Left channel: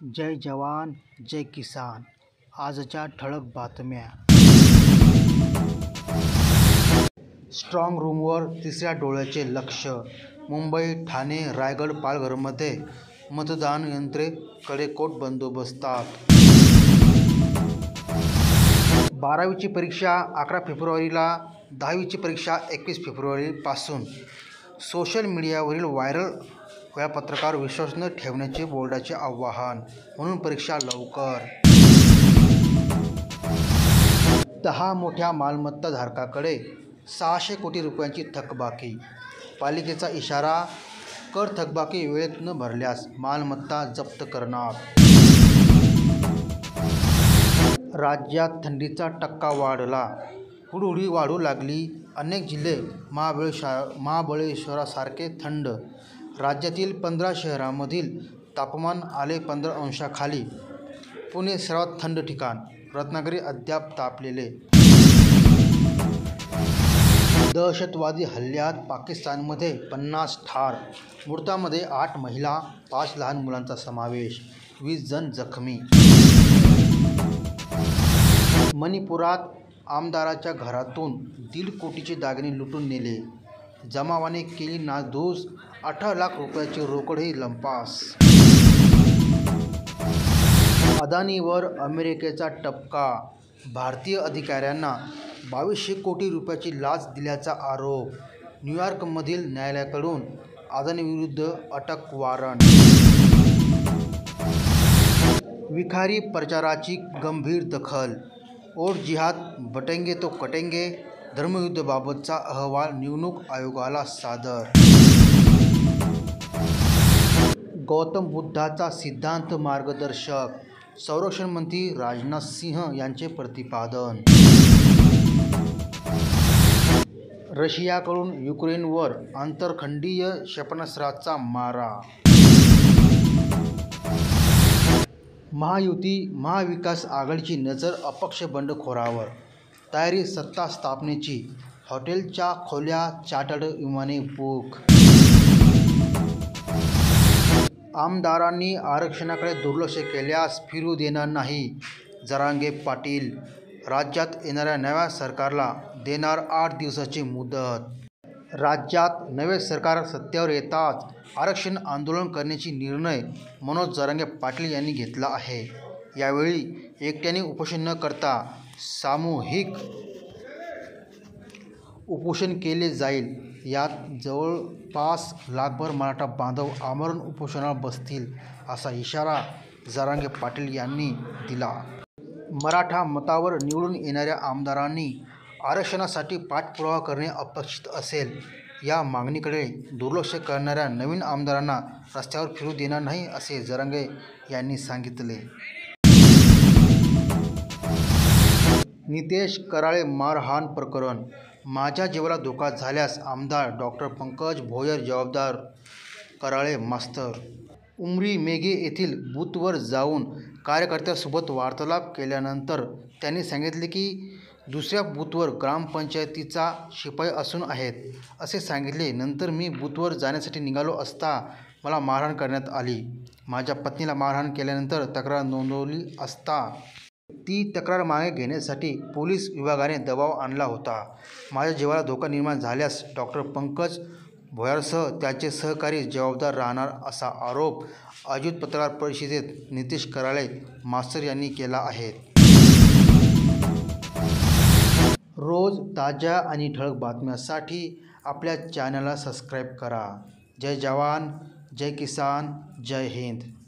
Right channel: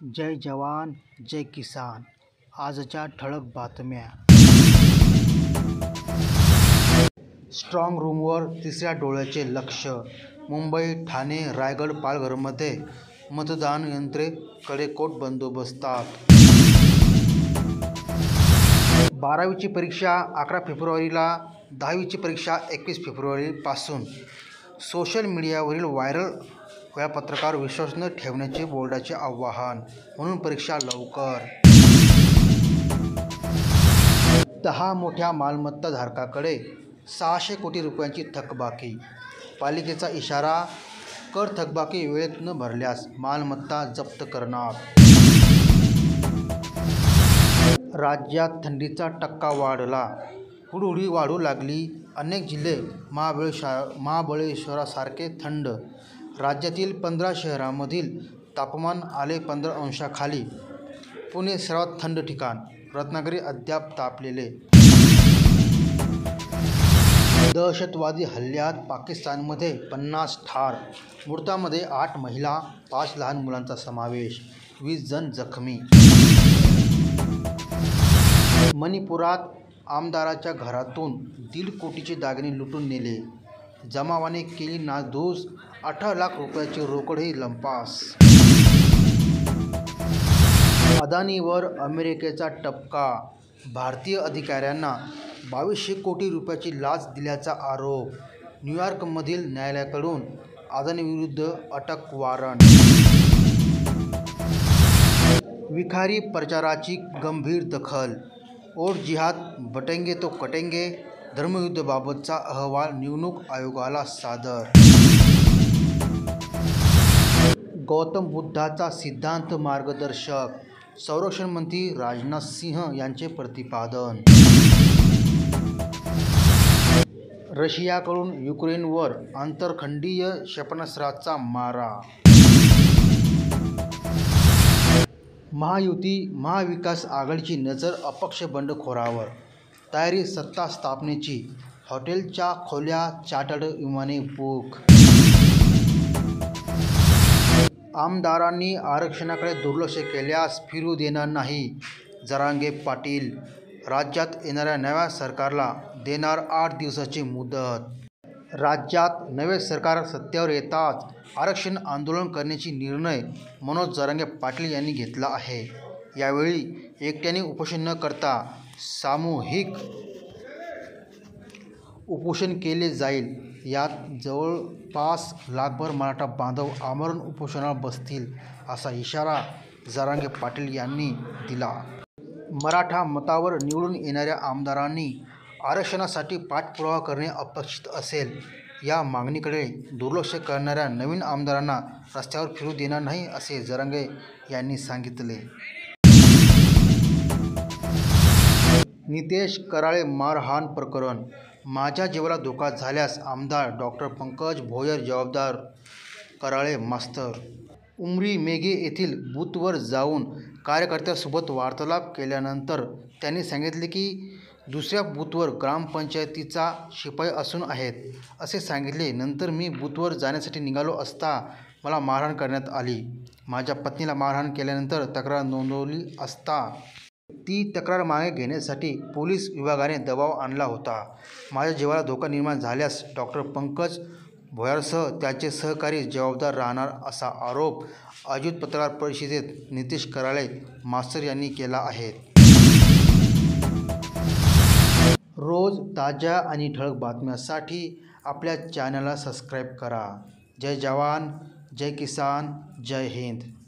जय जवान जय किसान. आजच्या ठळक बातम्या. स्ट्रॉंग रूमवर तिसऱ्या डोळ्याचे लक्ष. मुंबई, ठाणे, रायगड, पालघरमध्ये मतदान यंत्रे कडेकोट बंदोबस्तात. 12वीची परीक्षा 11 फेब्रुवारीला, 10वीची परीक्षा 21 फेब्रुवारीपासून. सोशल मीडियावरील व्हायरल वेळापत्रकावर विश्वास न ठेवण्याचे बोर्डाचे आवाहन. म्हणून परीक्षा लवकर. 10 मोठ्या मालमत्ताधारकांकडे 600 कोटी रुपयांची थकबाकी. पालिकेचा इशारा, कर थकबाकी वेळेत न भरल्यास मालमत्ता जप्त करणार. राज्यात थंडीचा टक्का वाढला. हुडहुडी वाढू लागली. अनेक जिल्हे महाबळेश्वरासारखे थंड. राज्यातील 15 शहरांमधील तापमान आले 15 अंशाखाली. पुणे सर्वात थंड ठिकाण. रत्नागिरी अद्याप तापलेले. दहशतवादी हल्ल्यात पाकिस्तानमध्ये 50 ठार. मृतांमध्ये 8 महिला, 5 लहान मुलांचा समावेश. 20 जण जखमी. मणिपुरात आमदाराच्या घरातून 1.5 कोटीचे दागिने लुटून नेले. जमावाने केली नासधूस. 18 लाख रुपयाची रोकडही लंपास. अदानीवर अमेरिकेचा ठपका. भारतीय अधिकाऱ्यांना 2200 कोटी रुपयाची लाच दिल्याचा आरोप. न्यूयॉर्कमधील न्यायालयाकडून अदानीविरुद्ध अटक वॉरंट. विखारी प्रचाराची गंभीर दखल. और जिहाद बटेंगे तो कटेंगे. धर्मयुद्धाबाबतचा अहवाल निवडणूक आयोगाला सादर. गौतम बुद्धाचा सिद्धांत मार्गदर्शक. संरक्षण मंत्री राजनाथ सिंह यांचे प्रतिपादन. रशियाकडून युक्रेनवर आंतरखंडीय क्षेपणास्त्राचा मारा. महायुती महाविकास आघाडीची नजर अपक्ष बंडखोरांवर. तयारी सत्ता स्थापनेची. हॉटेलच्या खोल्या, चार्टर्ड विमाने बुक. आमदारांनी आरक्षणाकडे दुर्लक्ष केल्यास फिरू देणार नाही. जरांगे पाटील. राज्यात येणाऱ्या नव्या सरकारला देणार 8 दिवसाची मुदत. राज्यात नवे सरकार सत्तेवर येताच आरक्षण आंदोलन करण्याचा निर्णय मनोज जरांगे पाटील यांनी घेतला आहे. यावेळी एकट्याने उपोषण न करता सामूहिक उपोषण केले जाईल. यात जवळपास लाखभर मराठा बांधव आमरण उपोषणाला बसतील, असा इशारा जरांगे पाटील यांनी दिला. मराठा मतावर निवडून येणाऱ्या आमदारांनी आरक्षणासाठी पाठपुरावा करणे अपेक्षित असेल. या मागणीकडे दुर्लक्ष करणाऱ्या नवीन आमदारांना रस्त्यावर फिरू देणार नाही, असे जरांगे यांनी सांगितले. नितेश कराळे मारहाण प्रकरण. माझ्या जीवाला धोका झाल्यास आमदार डॉ. पंकज भोयर जबाबदार. कराळे मास्तर. उमरी मेघे येथील बूथवर जाऊन कार्यकर्त्यांसोबत वार्तालाप केल्यानंतर त्यांनी सांगितले की दुसऱ्या बूथवर ग्रामपंचायतीचा शिपाई असून आहेत, असे सांगितले. नंतर मी बूथवर जाण्यासाठी निघालो असता मला मारहाण करण्यात आली. माझ्या पत्नीला मारहाण केल्यानंतर तक्रार नोंदवली असता ती तक्रार मागे घेण्यासाठी पोलीस विभागाने दबाव आणला होता. माझ्या जीवाला धोका निर्माण झाल्यास डॉ. पंकज भोयरसह त्याचे सहकारी जबाबदार राहणार, असा आरोप आयोजित पत्रकार परिषदेत नितेश कराळे मास्तर यांनी केला आहे. रोज ताज्या आणि ठळक बातम्यांसाठी आपल्या चॅनलला सबस्क्राईब करा. जय जवान जय किसान जय हिंद.